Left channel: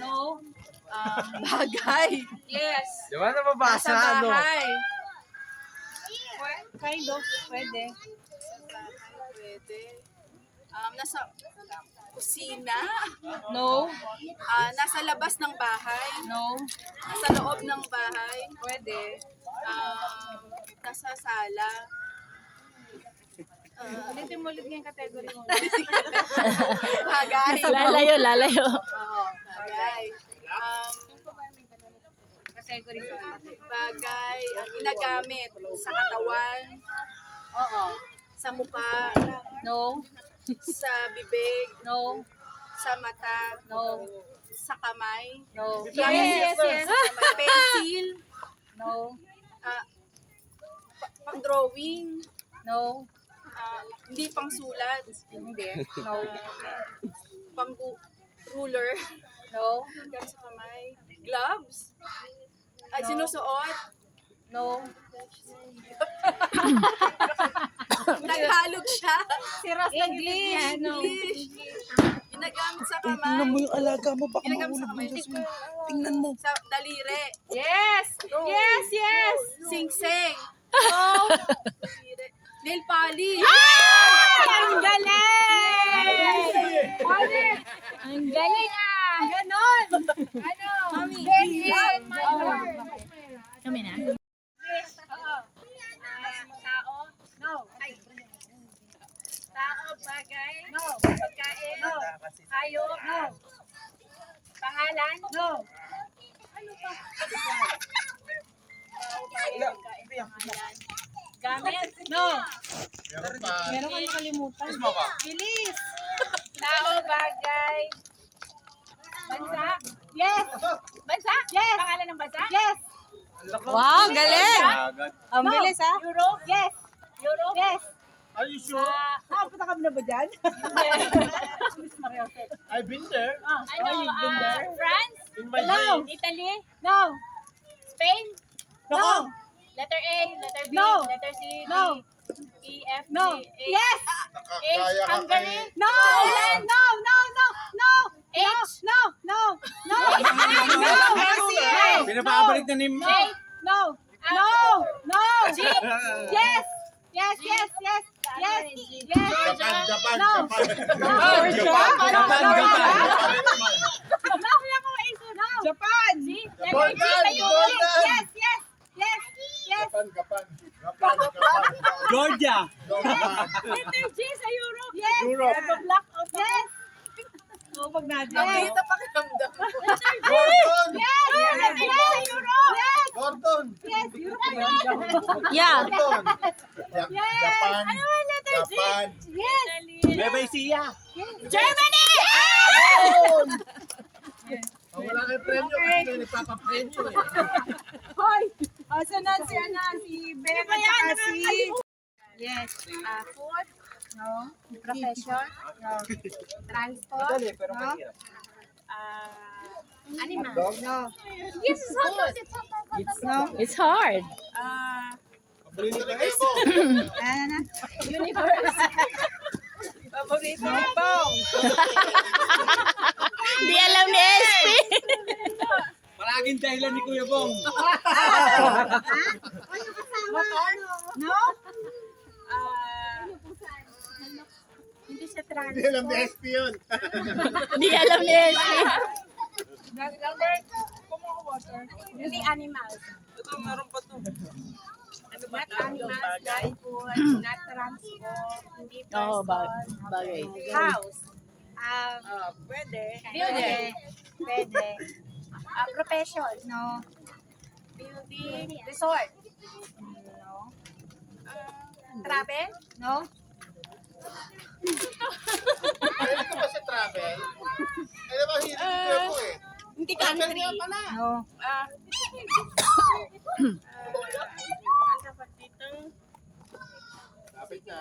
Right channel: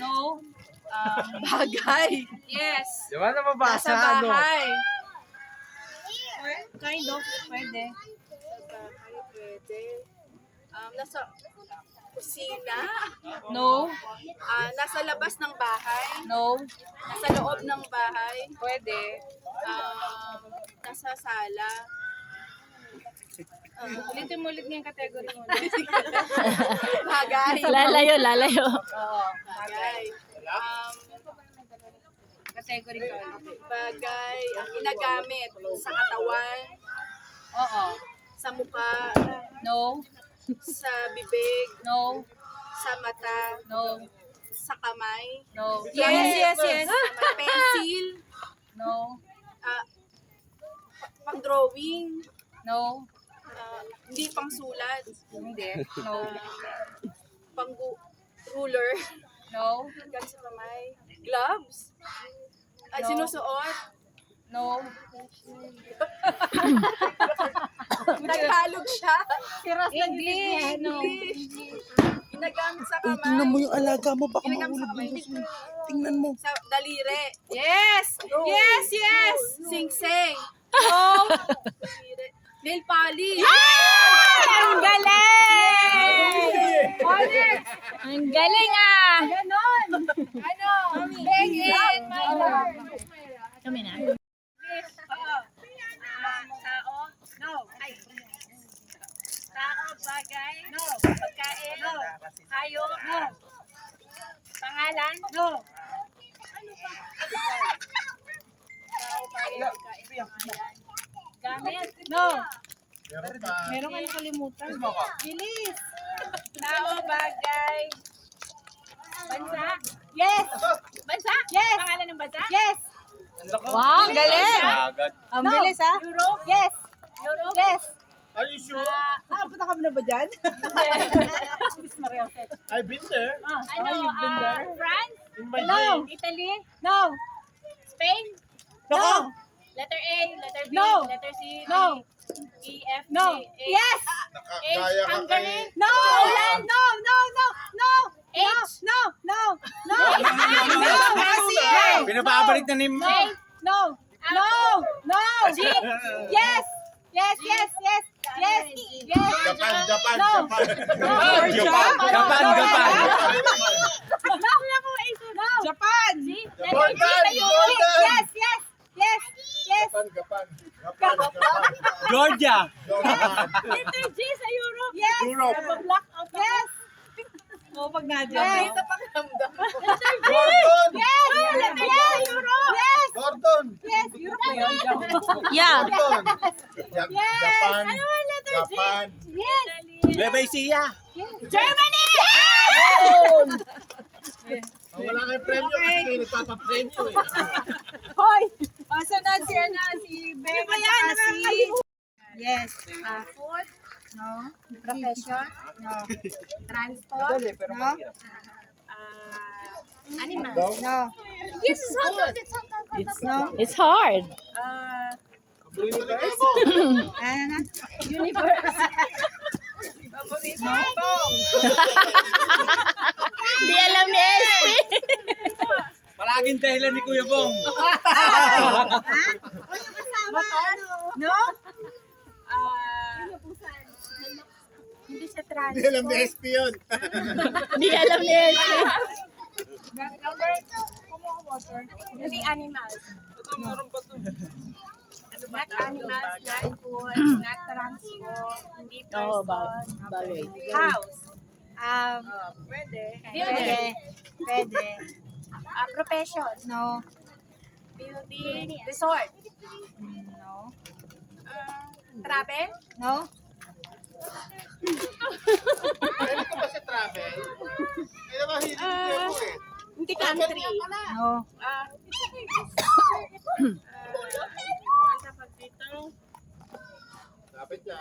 No. Bagay. Yes. Di ba nababasa? Nasa bahay. Kind of. Pwede. Pwede. Nasa kusina. No. Nasa labas ng bahay. No. Nasa loob ng bahay. Pwede. Nasa sala. Ulitin mo ulit nga yung category mo. Bagay. Lalayo. Oo. Bagay. Category ko. Bagay ang ginagamit sa katawan, Oo. sa mukha, No. sa bibig, No. sa mata, No. sa kamay, No. Yes. Sa pencil, No. pang-drawing, No. hindi pang-sulat, Hindi. No. pang-ruler, No. hanggang sa kamay, gloves, sinusuot, No. naghalog siya, English. No. ginagamit sa Tingnan mo kamay, yung alaga mo, baka ginagamit mahulog sa kamay, yung jasmine. Tingnan mo. sa daliri, Yes. Yes. sing-sing, No. daliri, nail polish, Ang galing! Ang galing ah! Ganon. Ano? Begin. My lord. Kami na. Tao? No. Ay. Tao, bagay? No. Pagkain? No. Hayop? No. Pangalan? No. Ano pa? Tao, bagay, pagkain, pangalan. Gamit? No. Meron ka nakalimutan. Bilis. Tao, bagay. Bansa? Yes. Bansa? Yes. Pangalan ng bansa? Yes. Wow, ang galing! Ang bilis ha? Europe? Yes. Europe? Yes. Are you sure? Punta kami na ba dyan? I've been there. Ano? France? In my No. day. Italy? No. Spain? No. Letter A, letter B, letter C, D, E, F, G, H. Yes! H, Hungary? No! Poland? No! H? No! S, I. Pinapabalik na ni J? No! G? Yes! Japan. Japan! C? Japan. Japan. Georgia. Letter G sa Europe? Yes! Europe. Black out yes! Pag na-dyan. Ito pakiramdam mo. Letter G! Gordon. Yes! Letter G sa Europe? Yes! Gordon. Yes! Europe na yun. Yeah. Gordon. Japan. Ano ang letter G? Japan. Yes! Lebesia. Germany! Wala kang premyo kasi nagpapapremyo eh. Hoy! Asa na si Becca at si... Yes. Food? No. Profession? No. Transport? pero mahirap. Animal? No. Yes, food. It's hard. Universe. Universe? Hindi alam ni SP. Palaging dahilan ni Kuya Bong. Motor? No. Hindi siya transport. Hindi alam ni SP yun. Hindi alam ni SP. Hindi animals. Ito, meron pa to. Not animals, not food, not transport, hindi Oo, person. bagay. House. Pwede. Building. Pwede. Profession. No. Building. Resort. No. Travel. No. Pwede ko ba sa travel? Eh, naman hilig ni Kuya Bong eh. Hindi country. No. Ang tawag dito? Lapit niya.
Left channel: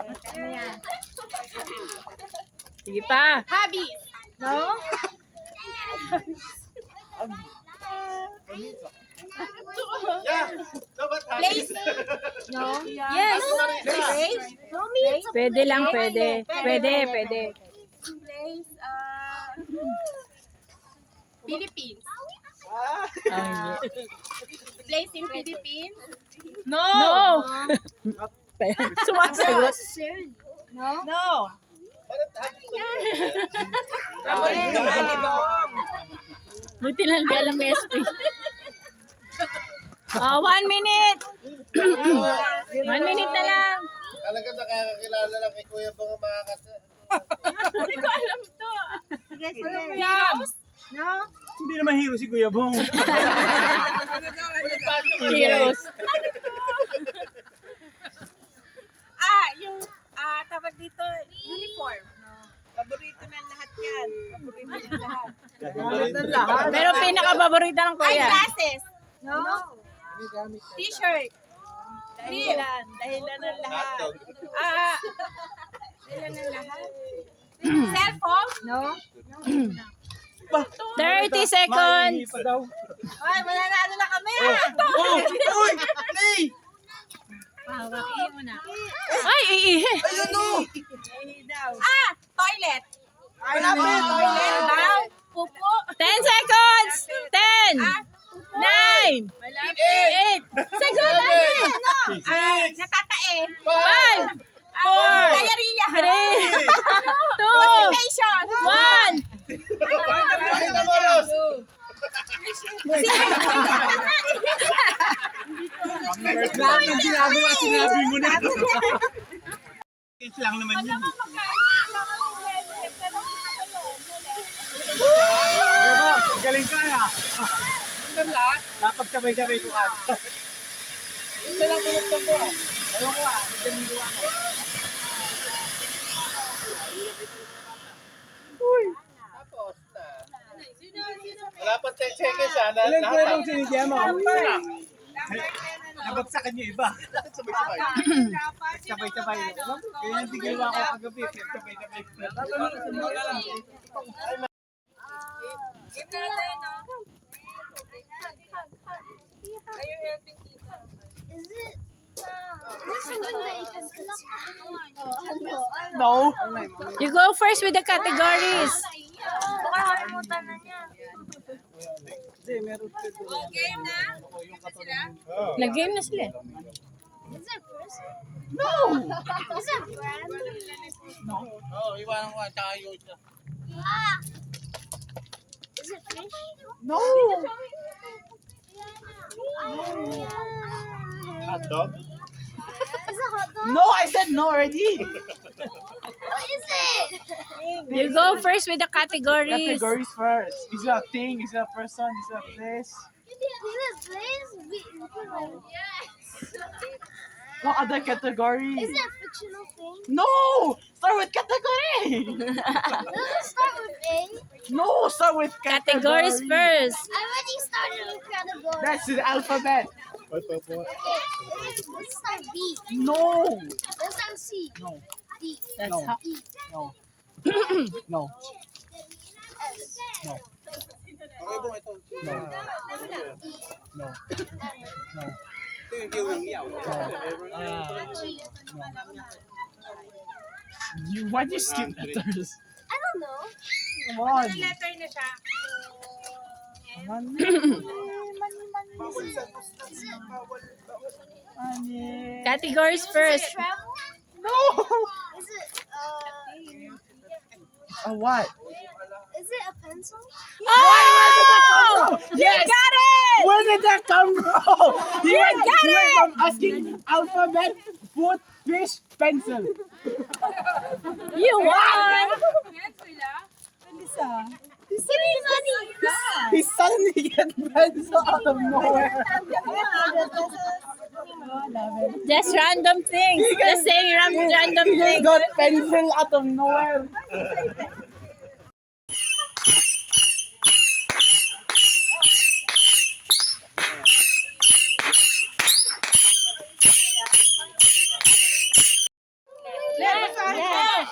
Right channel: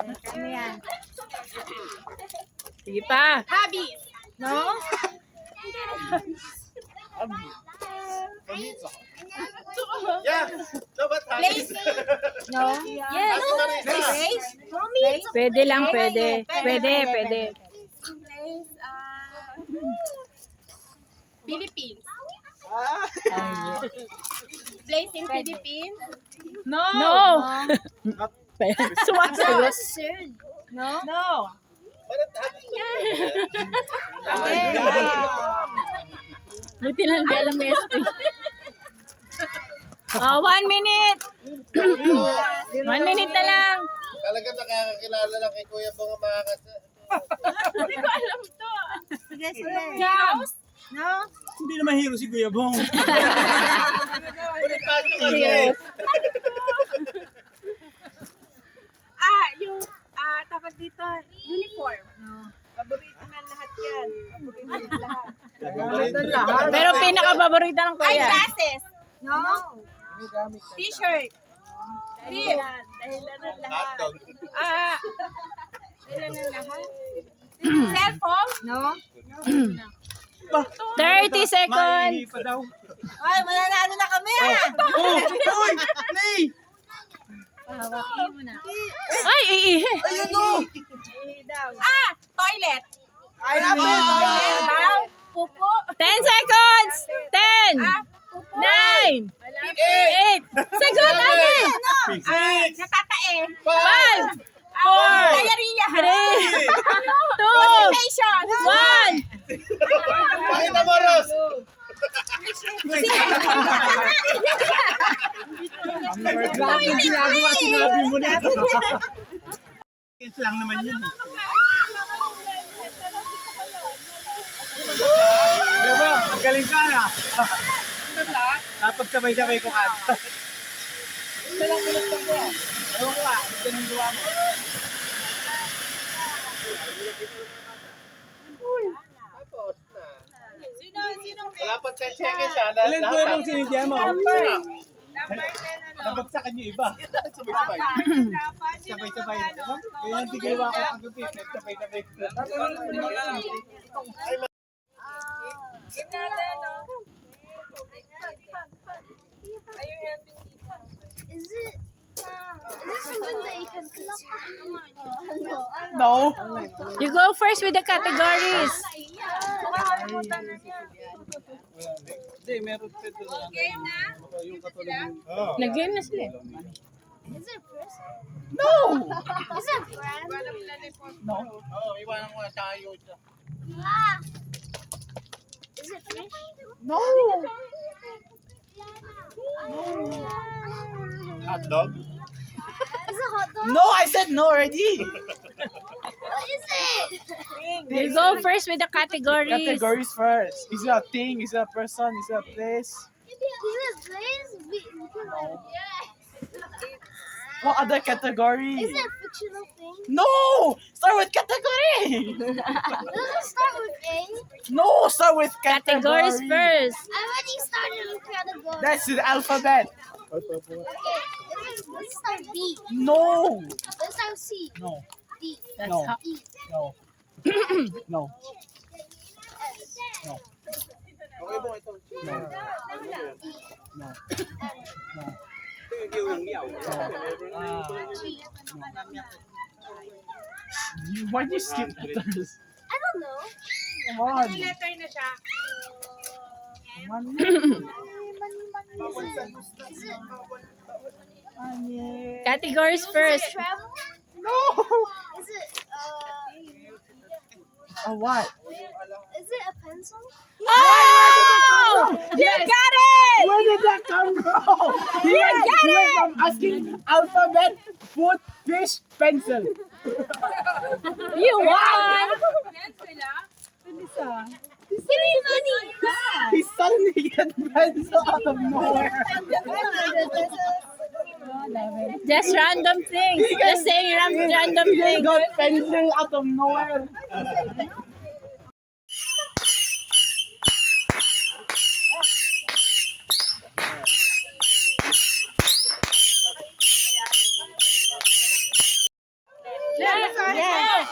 Ano yan? Sige pa. Hobbies. No. Yeah. Dapat Place. No. Yes. Place. No meat. Pwede lang, pwede. Pwede. Place. Philippines. Ah. Place in Philippines. No. Sumasagot. No. Buti lang di alam ni SP. 1 minute. 1 minute na lang. Talaga nakakakilala lang kay Kuya Bong ang mga Hindi ko alam to. Heroes? No. Hindi naman hero si Kuya Bong. Heroes. Yung tawag dito, uniform. Paborito na lahat yan. Paborito na lahat. Pero pinaka-paborito ng kuya. Eyeglasses. No. T-shirt. Dahilan ng lahat. hotdog. Dahilan ng lahat. Cellphone. No. 30 seconds. Maihi pa daw. Ay, mananalo na kami. Oh! Uy! Play! Pahawakin mo na. Ay, iihi. Ayun no! Daw. Toilet. Malapit! Toilet. Bow. Pupo. 10 seconds. 10. Pupo. 9. 8. Sagot natin. Natatae. 5. 4. Diarrhea. 3. 2. Constipation. 1. Pakita mo, Ros! Lahat ng ginagawa, sinabi mo na. It's lang naman yun. Diba? Magaling ka na. Napagsabay-sabay ko ka. Ito lang pinagtong ko. Ewan ko ito yung gawa mo. Wala pang 10 seconds ha. Ilan ko Lahat yung sinidya mo? Nabagsakan yung iba. sabay-sabay. Sabay-sabay. Kaya yung tigilwa ko kagabi. Sabay-sabay. Is it something that you can consume? No. You go first with the categories. Hindi, meron pa ito. Game na? Yung katulad ng... Nag-game na sila. Is it a person? No! Is it a brand? Oo, iwanan ko sa yung isa. Is it fish? No! Hotdog? Is it hot dog? No, I said no already. What is it? You go first with the categories. Categories first. Is it a thing? Is it a person? Is it a place? Is it place? Yes. What other category? Is it a fictional thing? No! Start with category! Does it start with A? No! Start with Categories category. first. I already started with category. That's the alphabet. Okay. Let's start B. No! Let's start C. No. D. That's No. how. E. No. No. S. No. Okay po ito. No. E. No. M. Why do you skip letters? I don't know. Come on. Letter na siya. Come on. Is it Categories first. travel? No! Is it A what? is it a pencil? Oh! You got it! Where did that come from? You got You went it! from asking alphabet, food, fish, pencil. You won! Yan sila. He suddenly get pencil out of nowhere. Just random things. Just saying random He things. got pencil out of nowhere.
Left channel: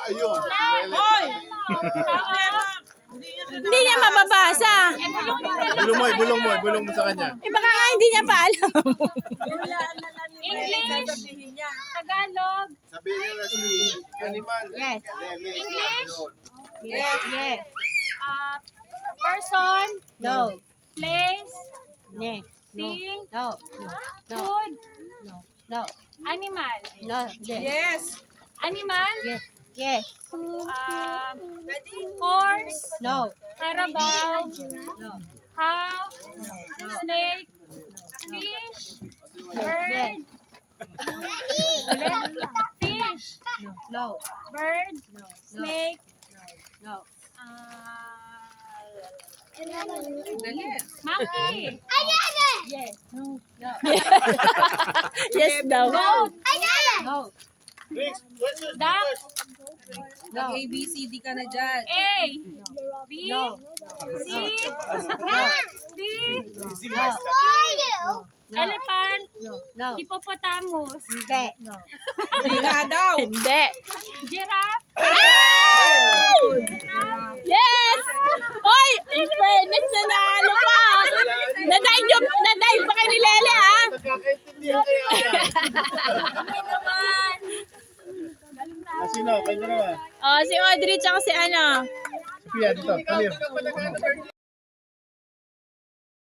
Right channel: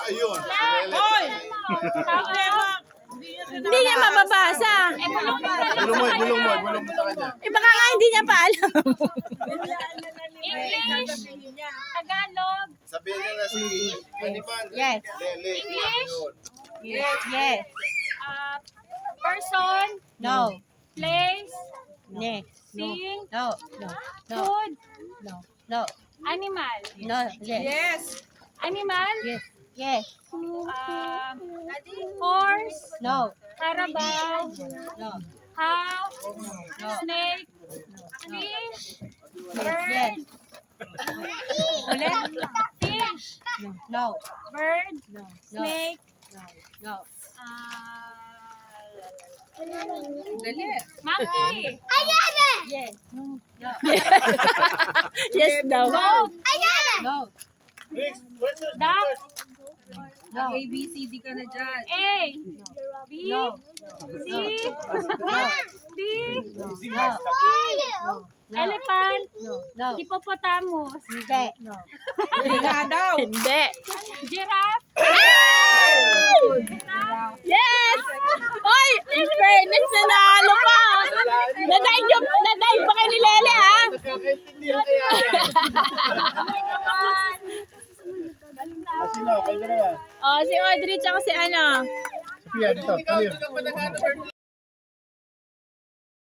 Ayun. Hindi niya mababasa. Bulong mo sa kanya. Eh baka nga hindi niya pa alam. English. Tagalog. Sabihin niya na si Animal. Yes. Lele. English. Ayun. Yes. Person. No. Place. Next. Sing. No. No. Food. No. No. Animal. No. Yes. Animal. Yes. Yes. Horse. No. Carabao. No. Cow. No. Snake. Fish. Bird. Yes. Ulit. Fish. No. No. Bird. No. Snake. No. Monkey. Yes. No. No. Yes daw. Goat. No. Next question. Duck. No. A, B, C, D ka na dyan. A. B. No. C. No. D. No. Elephant. No. Hippopotamus. Hindi. No. Hindi nga daw. Hindi. Giraffe. Yes! Oy, in fairness, nanalo ka. Nadive pa kay ni Lele, ha? Nagkakaintindihan kaya yan. Sino? Kayo dalawa. Oh, si Audrey tsaka si ano. Sophia, dito. Come here.